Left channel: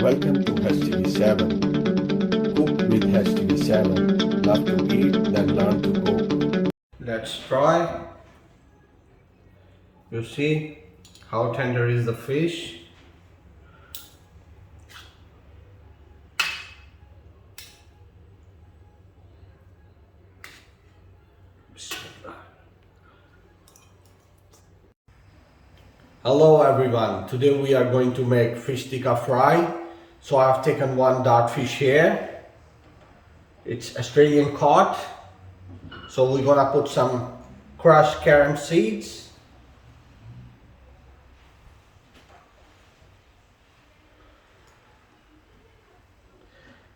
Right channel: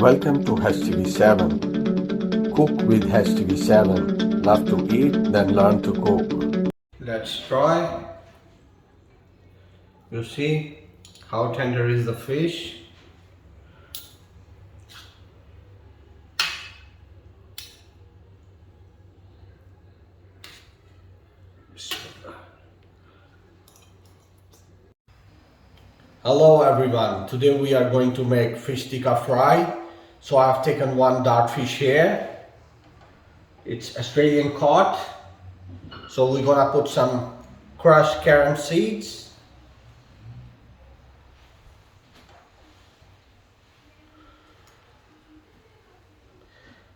Welcome to HTV7. Cook with HTV7. Love to eat, then learn to cook. Let's try. You see how tender is the fish. Hello everyone, today we are going to make fish tikka fry. So I have taken one dart fish here. It's Australian cod. So we're gonna put some crushed carom seeds,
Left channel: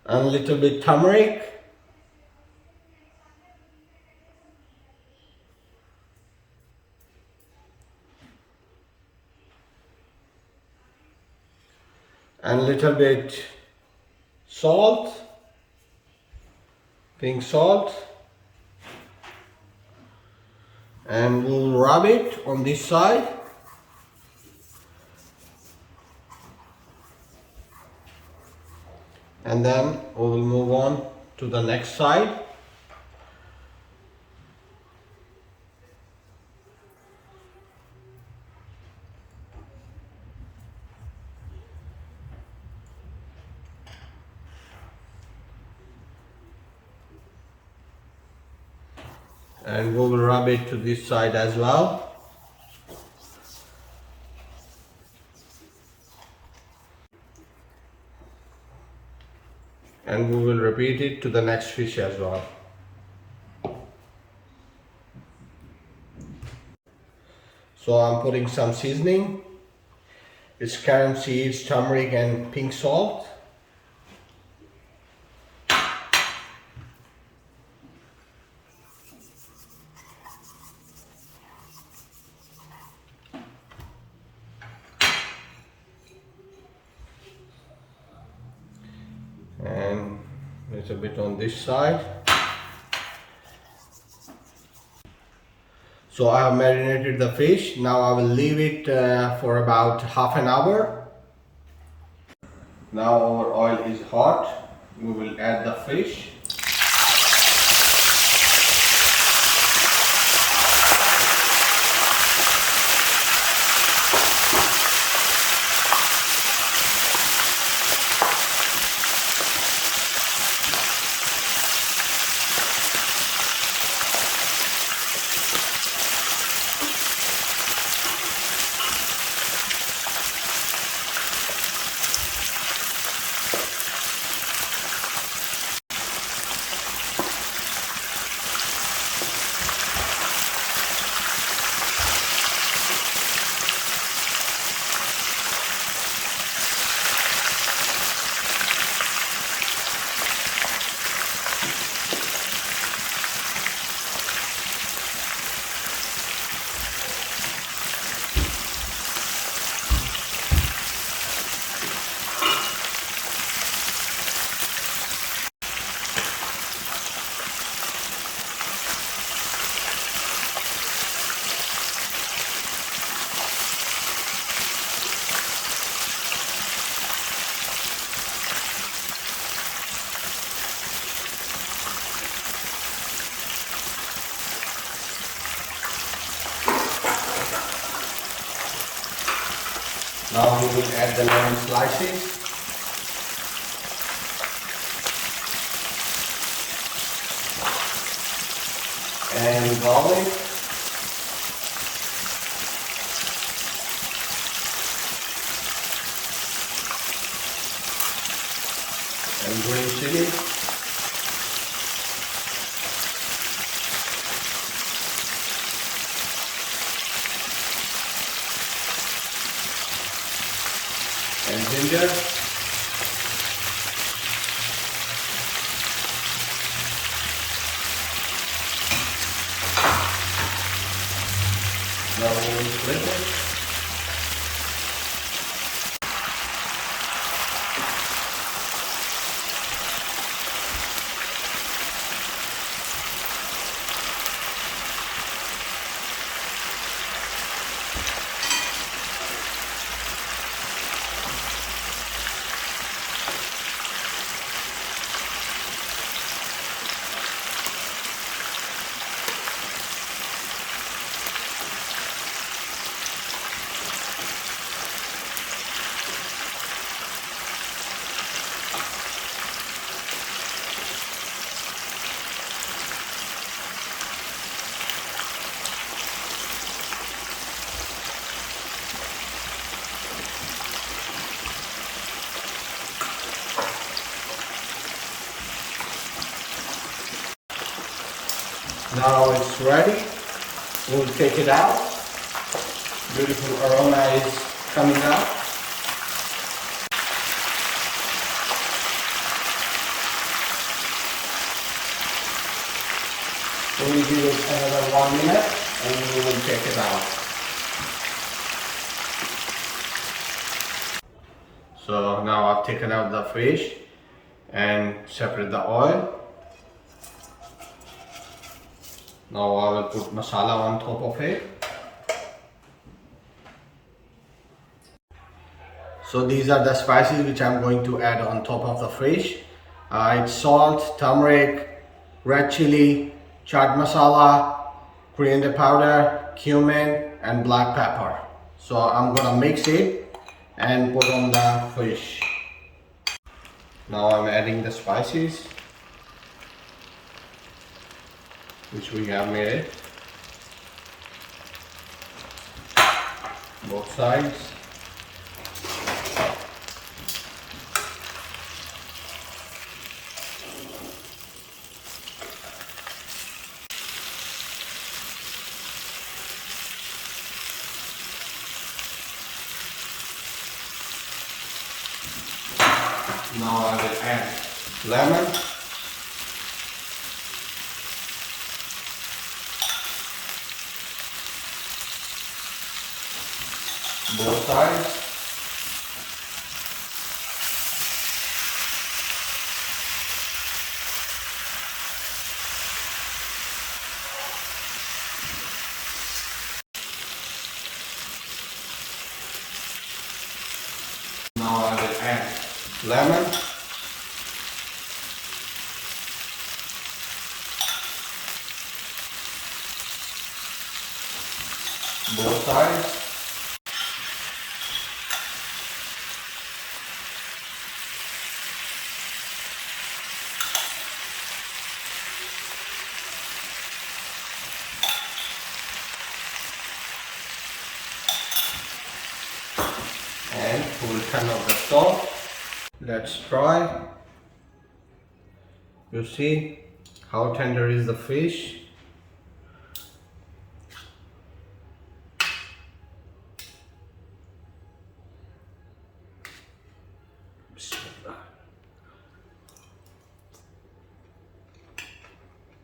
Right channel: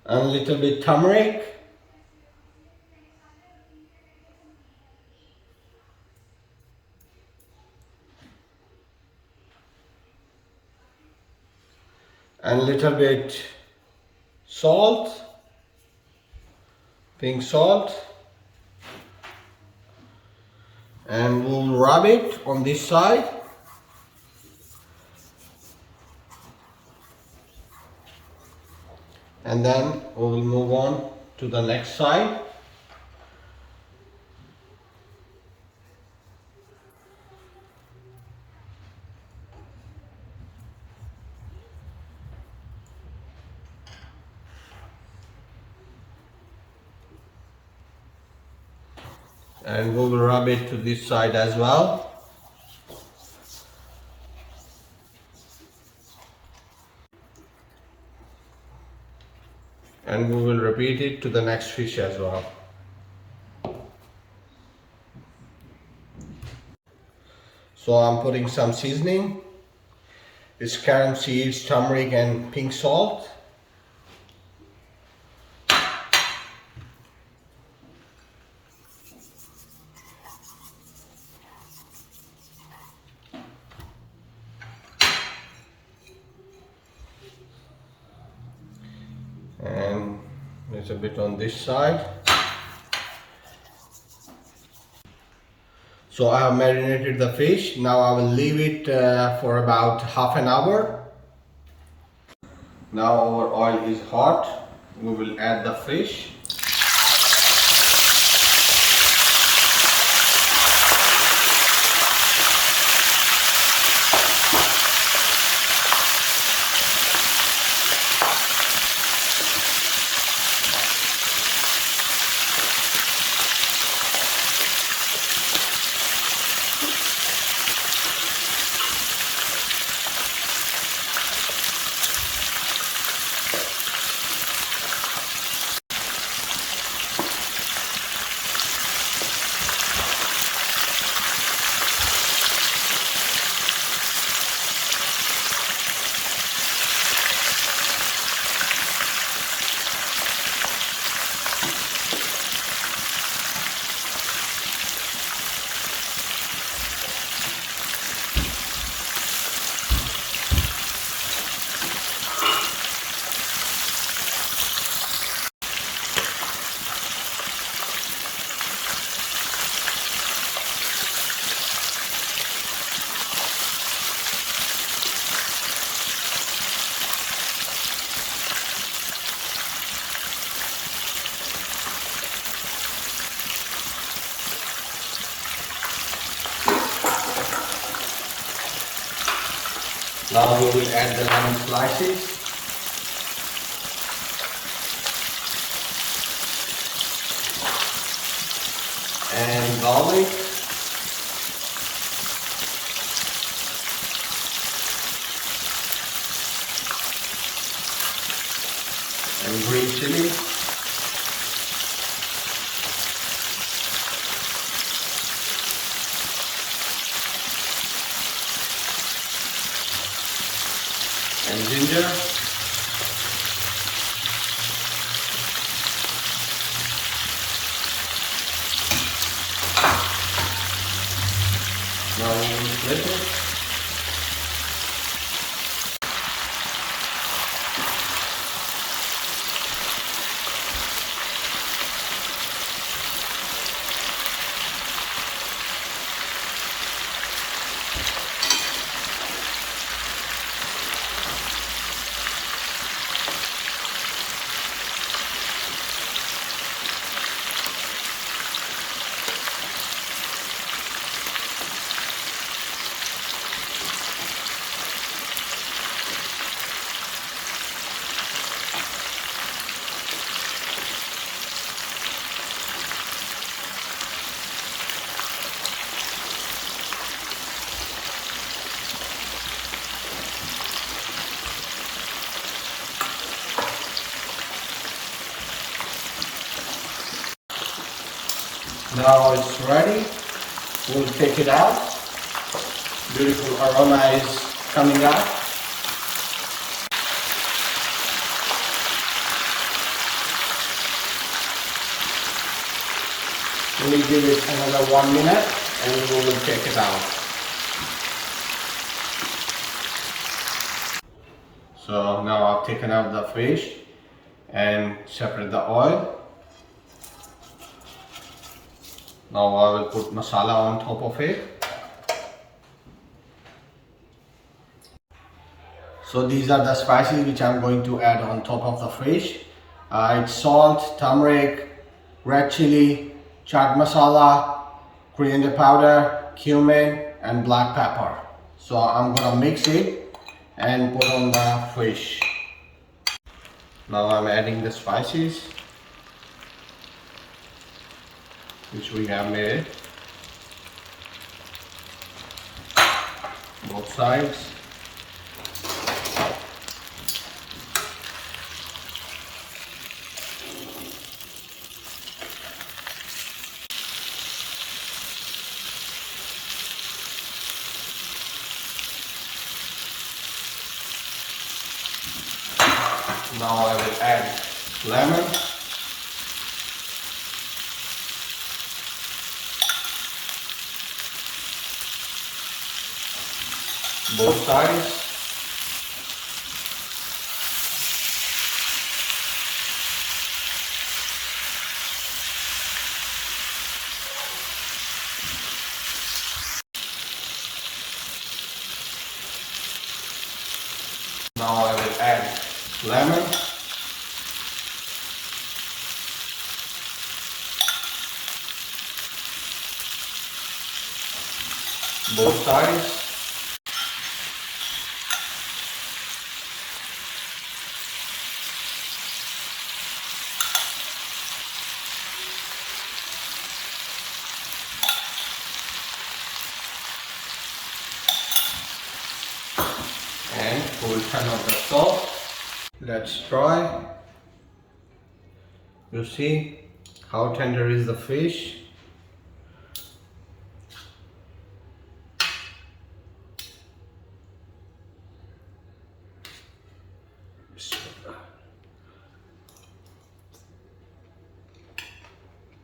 and a little bit turmeric, and a little bit salt, pink salt, and we'll rub it on this side. And then we will move on to the next side. And we will rub it to this side as well. And we will repeat it to the next fish as well. So I'm putting some seasoning. It's carom seeds, turmeric and pink salt. And there's a bit on this side. So I have marinated the fish. Now I will leave it for about half an hour. Now our oil is hot. We will add the fish. Now we will add the lemon slices. And garlic. And green chili. And ginger. Now we will split it. Now it's ready. We'll take it out. Beautiful aroma is coming up. We'll give it another 1 minute and we will take it out. So now I've taken out the fish and separate the oil. Now I will put masala on top of it. So these are the spices which I'm going to add on top of the fish. It's salt, turmeric, red chili, chaat masala, coriander powder, cumin and black pepper. So I'm gonna mix it and put on the fish. Now I'm adding the spices which we have made, both sides. Now I will add lemon, both sides. Now I will add lemon, both sides. And we will turn off the stove. Let's try. You see how tender is the fish.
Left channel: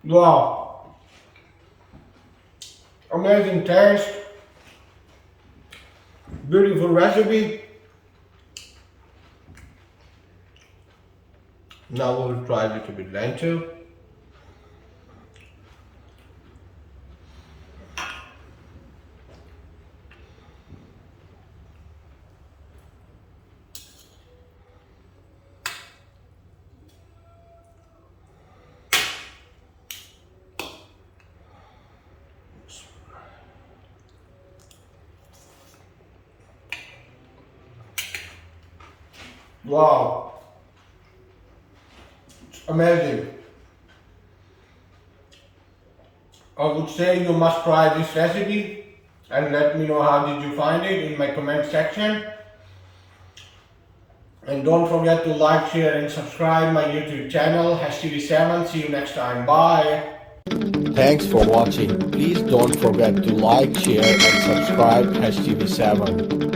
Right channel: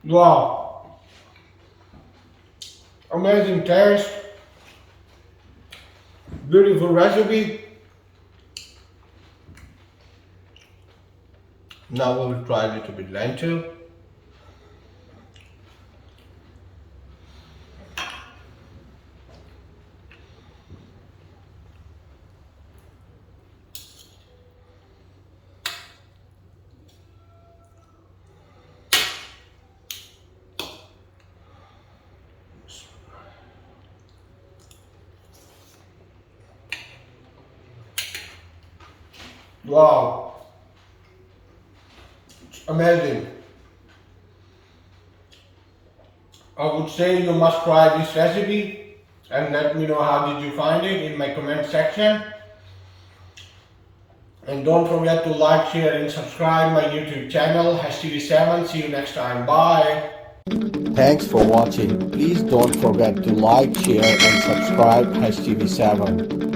Wow, amazing taste, beautiful recipe. Now we'll try a little bit lentil. Wow, it's amazing. I would say you must try this recipe and let me know how did you find it in my comment section. And don't forget to like, share and subscribe my YouTube channel HTV7. See you next time. Bye. Thanks for watching. Please don't forget to like, share and subscribe HTV7.